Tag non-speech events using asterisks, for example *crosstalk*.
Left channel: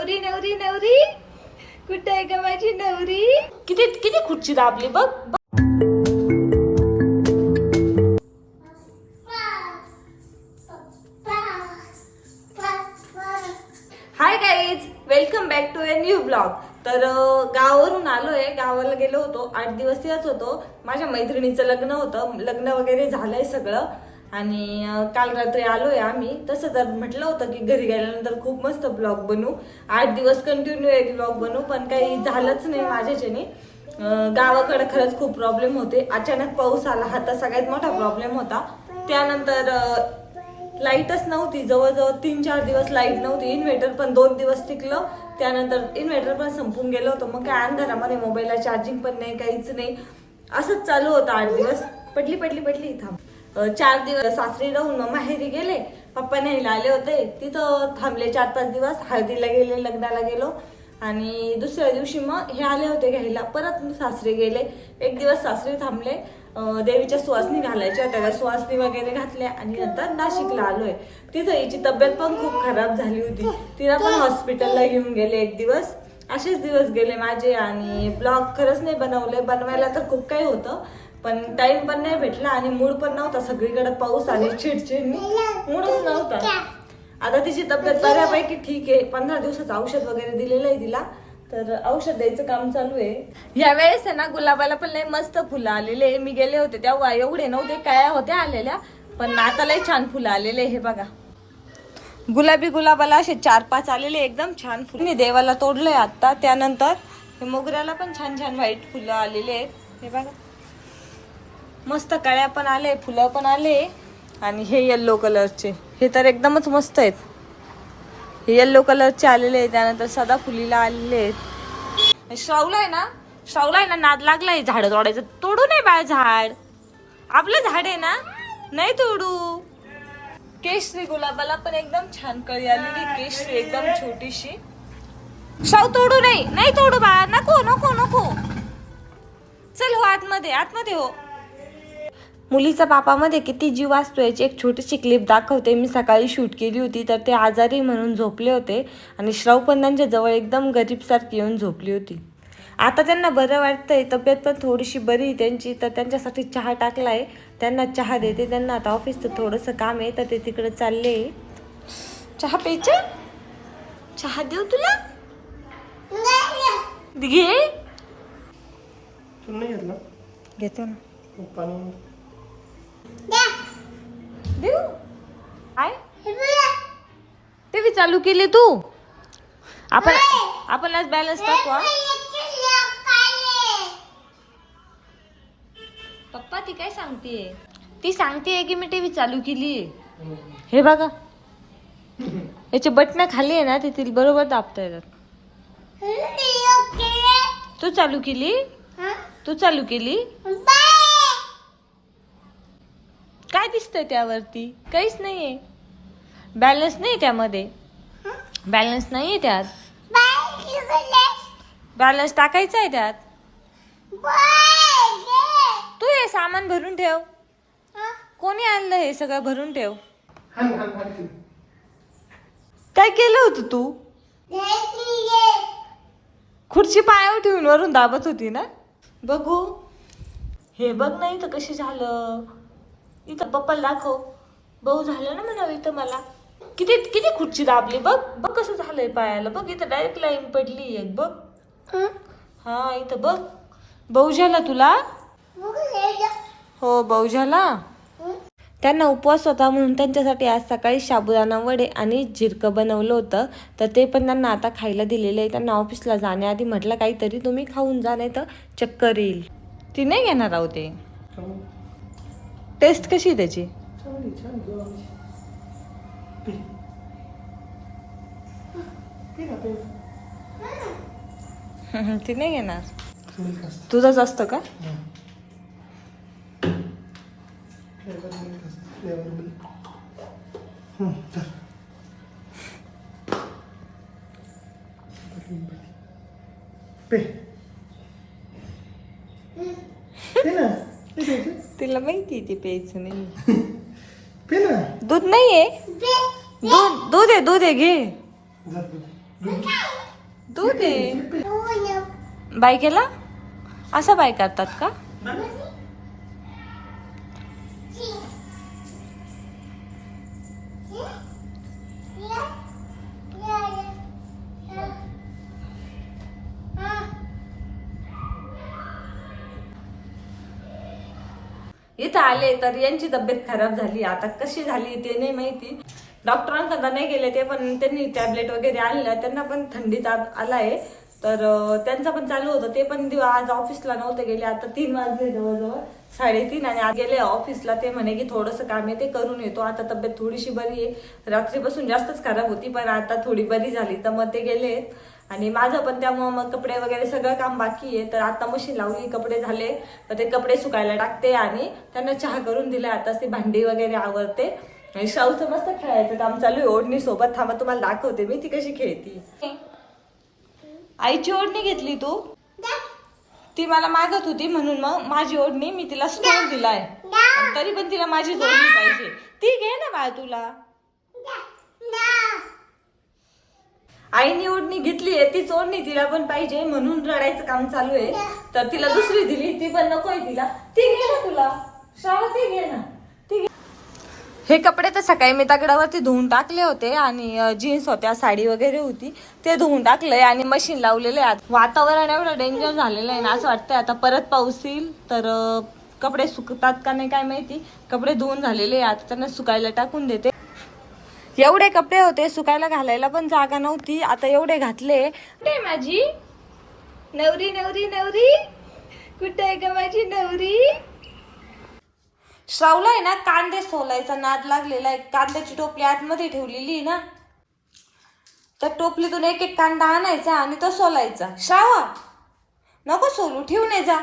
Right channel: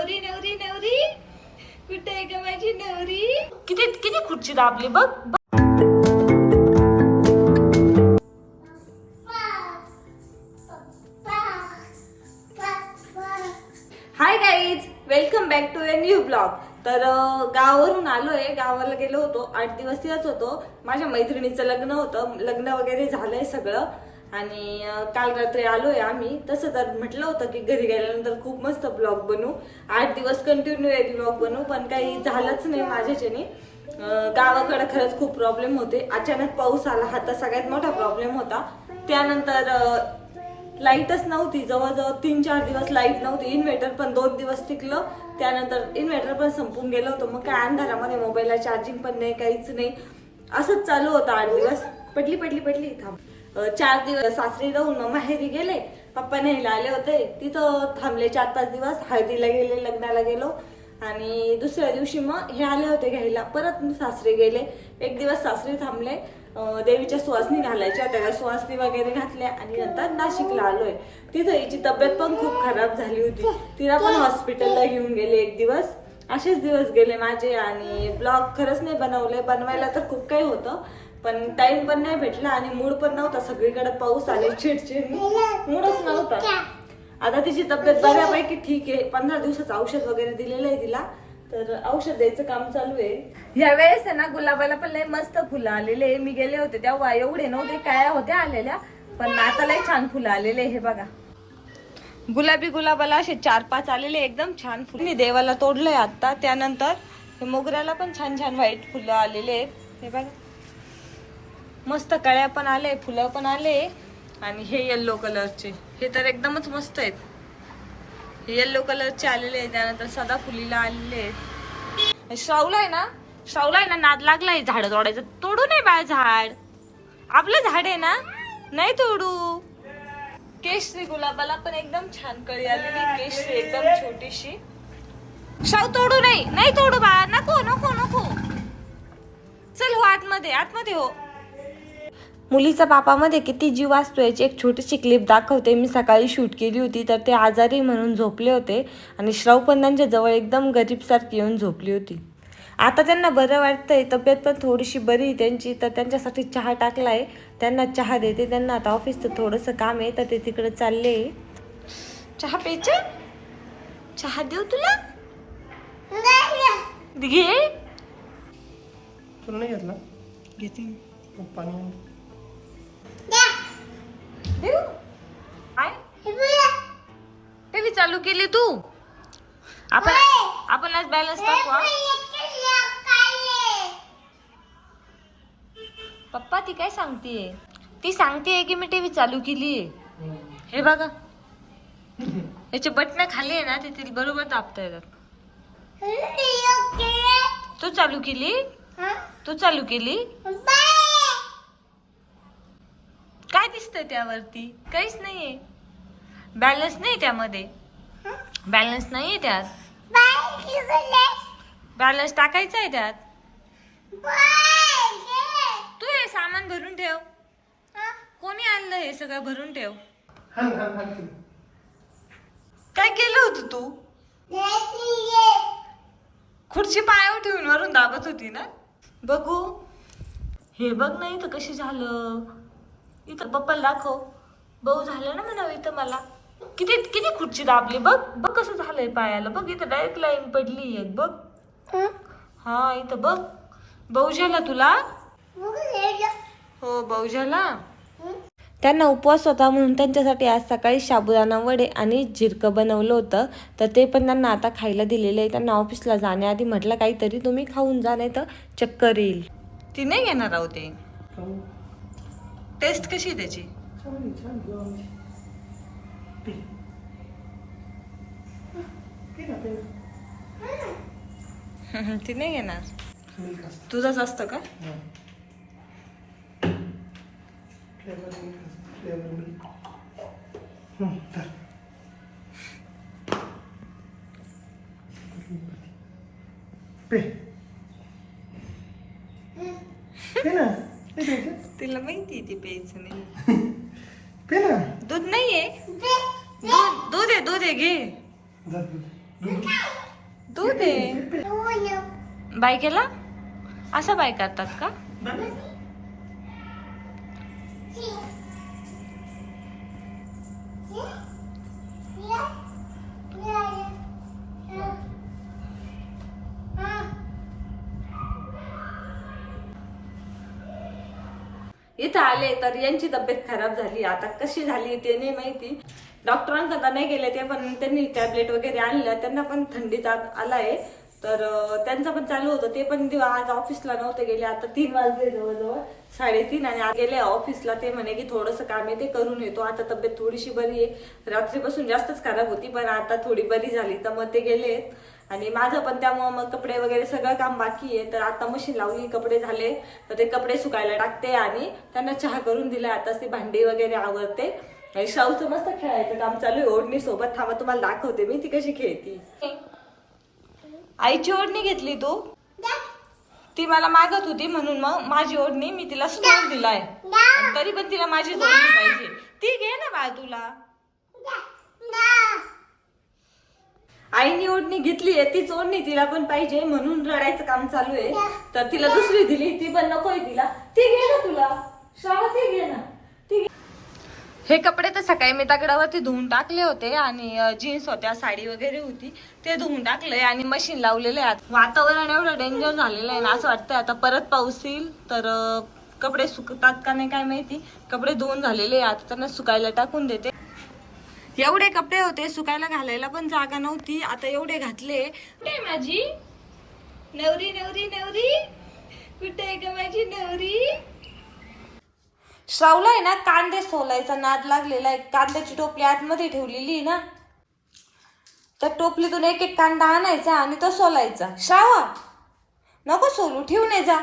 नवरी नवरी नवरी? कुठे आहे का माझी नवरी? किती किती खुर्ची दाबली बघ. Hi guys welcome back to a new blog तर गावावरून आलोय. गावाला गेलो होतो. आठ दिवस तिथंच होतो. माझ्या मैत्रिणीचं लग्न होतं. लग्न वगैरे झालंय सगळं. आणि काल रात्री आलोय आम्ही. तसं तर म्हटलं होतं की घरी गेल्यानंतर खूप मस्त ब्लॉग बनू. आठ दिवस कंटिन्यू एक ब्लॉग बनवू पण काही झालंच नाही माझ्याच्याने. गावाकडे खरंच खूप प्रॉब्लेम होते. अचानक पाऊस आला. हा तर सगळ्यात मोठा प्रॉब्लेम होता. त्यानंतर लाईटच नव्हती. जवळजवळ तीन चार दिवस लाइट नव्हती. इन्व्हर्टर पण दोन दिवस टिकलं. त्यानंतर इन्व्हर्टर पण संपून गेलं होतं. मग काय अंधारामध्ये मोबाईलला चार्जिंग पण नाही काहीच नाही. असंच चालू होतं आठ दिवस. पटली पटली पडली थांब. चार दिवस सासरी राहून मग माहेरी गेले. पप्पा न्यायला आले होते. तिथं थांबले चार पाच दिवस. हळदीला गेले लग्नाला गेलो. आणि दुसऱ्या दिवशी मग हे आले होते घ्यायला. परत सासरे गेले. एक दिवस सासरे थांबले. देवीच्या सुवासनी घालायच्या त्याला सुवासनी वगैरे घातल्या. आणि नंतर नाशिकला आलोय. तिथं हिची तब्येत पण खूप खराब झाली होती. तिला पण हॉस्पिटलला घेऊन गेले एक दिवस. असेच दिवस गेले माझे आणि ब्लॉग खरंच नाही बनवले बनवायला तर खूप काही होतं. पण टाइम पण नाही भेटला आणि मूड पण नव्हता. सगळीकडे पाऊस आणि चिडचिड. मूडच नव्हता. आता तिची तब्येत बऱ्यापैकी ठीक आहे. पंधरा दिवसाचं औषध वगैरे दिलेलं आहे तिला. तर औषध द्यायचं काम चालू आहे. या वेळेस आहे ना गुलाबाला पण लय मस्त फुलं आलेले मी गेले होते तेव्हा. एवढे नव्हते काया होत्या आलेल्या. पण आता लय छान फुलं आलेले हे बघा. गुलाबी गुलाबाला असे चार पाच आलेले एकदम छान फुलं. मी देवाला तोडलंय आता त्यानंतर हे मोगऱ्याला पण छान छान व्हाईट फुलं आलेले आहेत. हे बघा. मस्त कळ्या पण आले फुलं पण आले आणि हे येल्लो कलरचे हे तर एकदमच मस्त आहेत. हे येल्लो कलरचे आलेले आहेत त्यानंतर सदा फुलीला आलेले आहेत. श्रावला आहे ना? श्रावला आहे ना? नाद लागलाय झाड तोडायचं. तोडू नये बाळ झाड. आपलं झाड आहे ना? नाही तोडू. केशरी गुलाबाला पण एकदम छान कळी आलेली. केशरी एकदम छोटीशी. शाव तोडू नाही नाही तोडू बाळा. नको नको नको. चल हो आतमध्ये. आतमध्ये हो. मुलीचा पापामध्ये किती जीव असतो याची एक छोटीशी क्लिप दाखवते. मी सकाळी शूट केली होती तर ते आजारी म्हणून झोपले होते आणि श्राव पण त्यांच्या जवळ एकदम गरीबसारखी येऊन झोपली होती. आता त्यांना बरं वाटतंय तब्येत पण थोडीशी बरी त्यांची तर त्यांच्यासाठी चहा टाकला आहे त्यांना चहा देते त्यांना आता ऑफिसचं थोडंसं काम आहे तर ते तिकडे चालले. चहा प्यायचं? चहा देऊ तुला? घे. घेतो ना. देऊ? टीव्ही चालू केली तू. आपण आपण आज बॅलन्स टाकू? पप्पा ती काय सांगतेय? ती सांगतेय की मी टीव्ही चालू केली हे बघा. याचे बटन खाली आहे ना ते तिला बरोबर दाबता येतात तू चालू केली? तू चालू केली? काय दिसतंय त्यावरती? काहीच नाहीये. बॅलन्स नाही त्यामध्ये. बॅलन्स नाहीये त्यात. बॅलन्स टाकायचा आहे त्यात. तू हे सामान भरून ठेव. कोणी आणलं हे सगळं भरून ठेव. काय केलं होतं तू? खुर्ची पायावर ठेवून वरून दाबत होती ना? बघू. हे बघ नाही तर कशी झालं. इथं पप्पाला दाखव भाऊ झालं ना म्हणावं इथं मला. किती किती खुर्ची दाबली बघ. बघ कसं झालंय पायाला. बघ इथं डायरेक्ट लाईन पडली एक बघ. हा? इथं बघ. भाऊ झाला तुला? हो भाऊ झाला? त्यांना उपवास होता म्हणून त्यांच्यासाठी आज सकाळी साबुदाणा वडे आणि झिरकं बनवलं होतं. तर ते पण त्यांना आता खायला दिलेलं आहे त्यांना ऑफिसला जाण्याआधी म्हटलं काहीतरी तुम्ही खाऊन जा नाही तर चक्कर येईल. ती नाही घेणार आहोत ते. टेस्ट कशी आहे त्याची. पी. P P. ती नाही असतं. तुझंच असतं का हा. Flavor milk असतं. Flavor milk. हं, धर. पी. पी ना. पी घ्यायची. तिला माहिती ती प्यायचं नाही. *laughs* पी ना. दूध नाहीये? दूध दूध आहे दूध आहे घे. धर. दूध. आहे. बाय केला? असा बाय करतात का? इथं आले तर यांची तब्येत खराब झाली. आता कशी झाली ते नाही माहिती. डॉक्टरांकडे नाही गेले ते पण त्यांनी टॅबलेट वगैरे आणल्या त्यांना पण थंडीत आला आलाय. तर त्यांचं पण चालू होतं. ते पण दिव- आज ऑफिसला नव्हते गेले. आता तीन वाजले जवळजवळ. साडेतीन आणि आज गेले ऑफिसला. ते म्हणे की थोडंसं काम आहे ते करून येतो. आता तब्येत थोडीशी बरी आहे. रात्रीपासून जास्तच खराब होती पण आता थोडी बरी झाली. तर मग ते गेले. आणि माझं पण त्यामुळं मग कपडे वगैरे सगळं काम बाकी आहे. तर आता मशीन लावली कपडे झाले. तर ते कपडे सुकायला टाकते आणि त्यांना चहा करून दिला. आता ती भांडी वगैरे आवरते. आणि शाहूचं मस्त खेळायचं काम चालू आहे. ओढणी सोबत थांबा तुम्हाला दाखवते मी. ती कशी खेळती. आईची ओढणी घेतली तू? ती मला मागत होती म्हणून मग माझी ओढणी मी तिला स्टोन दिलाय. तरी पण तिला माझी ओढणी पाहिजे. ती घे ना बाळ तुला. आईनी ओढणी घेतली आहे तीच ओढणी तिला पण पाहिजे म्हणून रडायचं काम चालू आहे. तर तिला दुसरी दिली ती पण नकोय तिला. ती घे ना तुला. शाळा ती घे ना. ती हे कपडे तर सकाळी मी दगडावरती धुवून टाकले होते आणि जीन्स होत्या साडी वगैरे होती ते धुवून टाकले आणि मशीन लावलेले आहेत. वातावरण एवढं डेंजर झालेलं आहे ना असं वाटतंय आता परत पाऊस येईल तर कपडे सुकतात का नाही काय माहिती. कपडे धुवून झालेले आहेत त्यांना सुकायला टाकून देते. एवढे कपडे होते सुकायला घालायला पण जागा नव्हती. आता एवढे घातले. माझी? नवरी नवरी नवरी? कुठे आहे का माझी नवरी? श्रावला आहे ना कांदे सोलायचा नाद लागलेला आहे. कांद्याची टोपली आतमध्ये ठेवलेली ना. तर टोपलीतून एक एक कांदा आणायचा आणि तो सोलायचा. श्रावा नको सोलू ठेवून ये जा.